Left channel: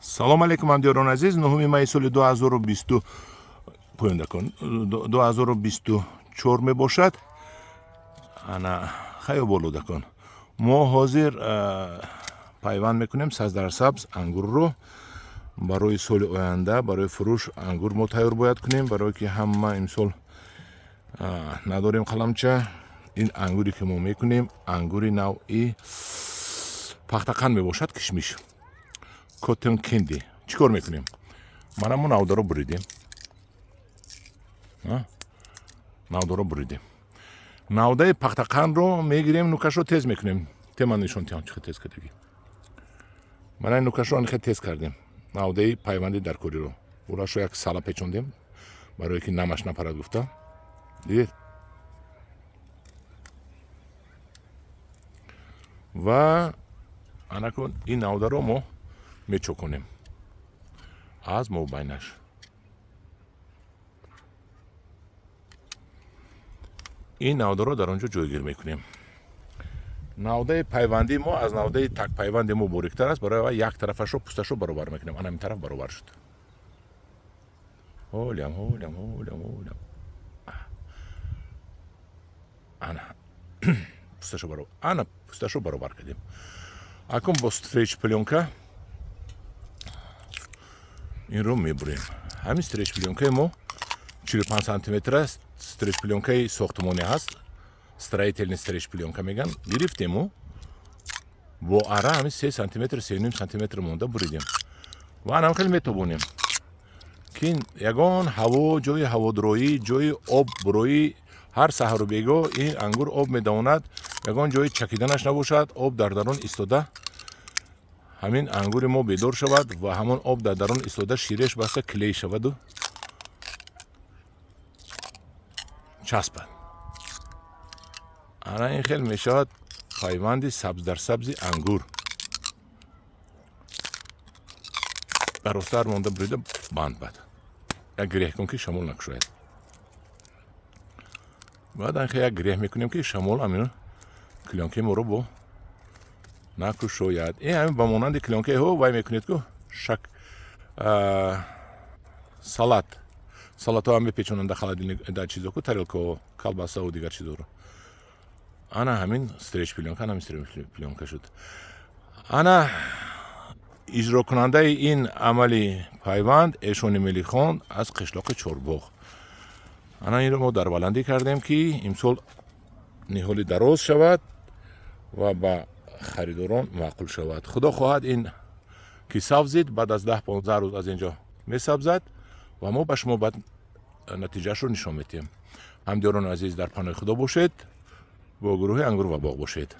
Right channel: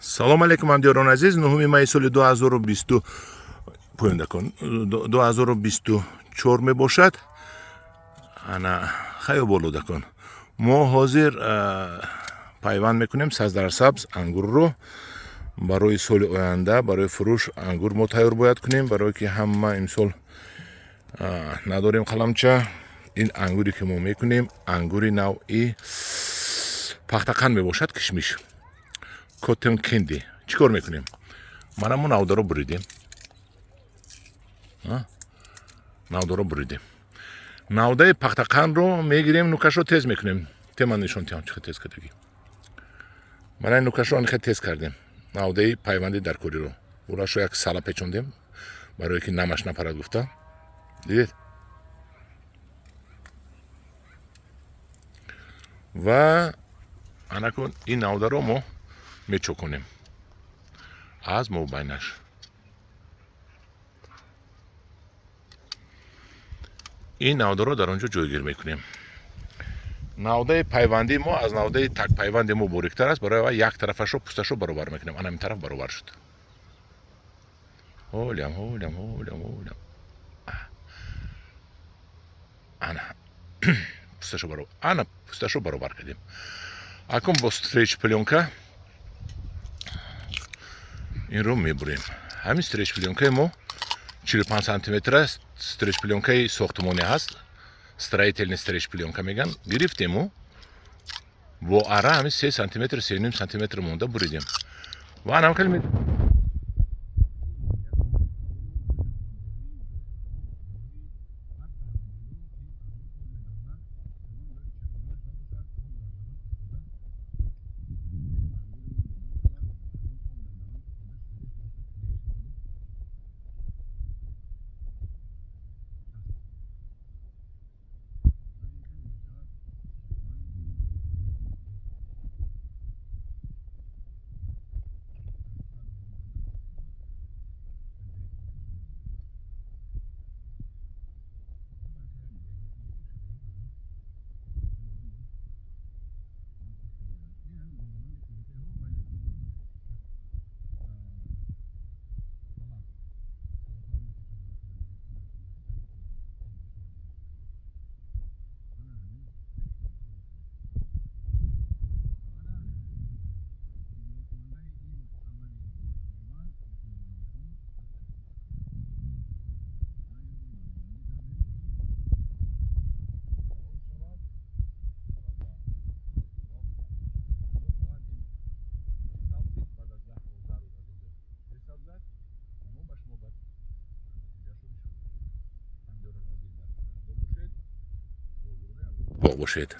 салом алейкум ҳамдиёрони азиз. 9 майи соли 2020 поёнда кун 2024 мебошад. ана хайо болуда кун. мо ҳозир пайванд мекунем сабз ангурро барои соли оянда, барои фурӯш ангур мо тайёр бояд кунем, барое ки ҳама имсол надорем қаламча. ин ангуре ки мо мекунем ангури навъи пахтақан мебошад. кишмиш коттон кенди. чӣ кор мекунем? мана мо навдаро буридем. навдаро буридем. навдаи пахтақанро мегирем, нукашро тез мекунем. тема нишон тиҳам чӣ тез кардагӣ. мана ин нукашро анихе тез кардем. навдаи пайванди даркориро урашро як сала печондем, барое ки намаш напарад гуфта. дидед? ва анакун ин навдаро мо мечоконем аз мобайнаш. ин навдаро дар онҷо ҷойгир мекунем. навдаи пайванди мо аз навдаи так пайванди мо бориктар аст. барои як тарафашро пусташро баробар мекунем. ана ин тараф баробар шуд. ҳолям ана пусташро баробар. ана пусташро баробар кардем. акун бо стреч пленка инро мебурем. ҳамин стреч пленкаи мо 45 сантиметр аст. стреч пленкаи сохтмоне ҳаст. строительный стреч пленка меган. гирифтему бо ара ҳамин 3 сантиметр 3,5 сантиметр монда буридем. ва анакал метавонем ки ягон ҳаво, ҷои ҳаводороӣ, ҷои об буроӣ, ҳар саҳару бегоҳ ин ангур об медавонад. ягон ҷои чакиданаш набошад. об дар дарун истода ҳамин ангури мо бедор шавад ва ҳамон об дар дарун истода ширеш баста клей шаваду часпад. ана ин хел мешавад пайванди сабз дар сабзи ангур. даростар монда бурида банд бад. як греҳ кун ки шамол накушояд. баъд анхе як греҳ мекунем ки шамол амин клёнкаи моро бо накушояд. ин ҳамин ба монанди клёнкаи ҳо вай мекунед ку шак салатҳо ҳам мепечонанд дар холодильник дар чизо ку тарелкаҳо, колбасаҳо дигар чизоро. ана ҳамин стреч пленка, ана ҳамин стреч пленка шуд. ана иҷрокунандаи ин амали пайванд эшони мелихон аз қишлоқи Чорбоғ. ана инро мо дар баландӣ кардем ки имсол ниҳоли дароз шавад ва ба харидорон маъқул шавад. худо хоҳад ин ки савзид баъд аз 10-15 рӯз аз инҷо месабзад ва мо ба шумо баъд натиҷаашро нишон медиҳем. ҳамдиёрони азиз дар паноҳи худо бошед. бо гурӯҳи ангур ва боғ бошед.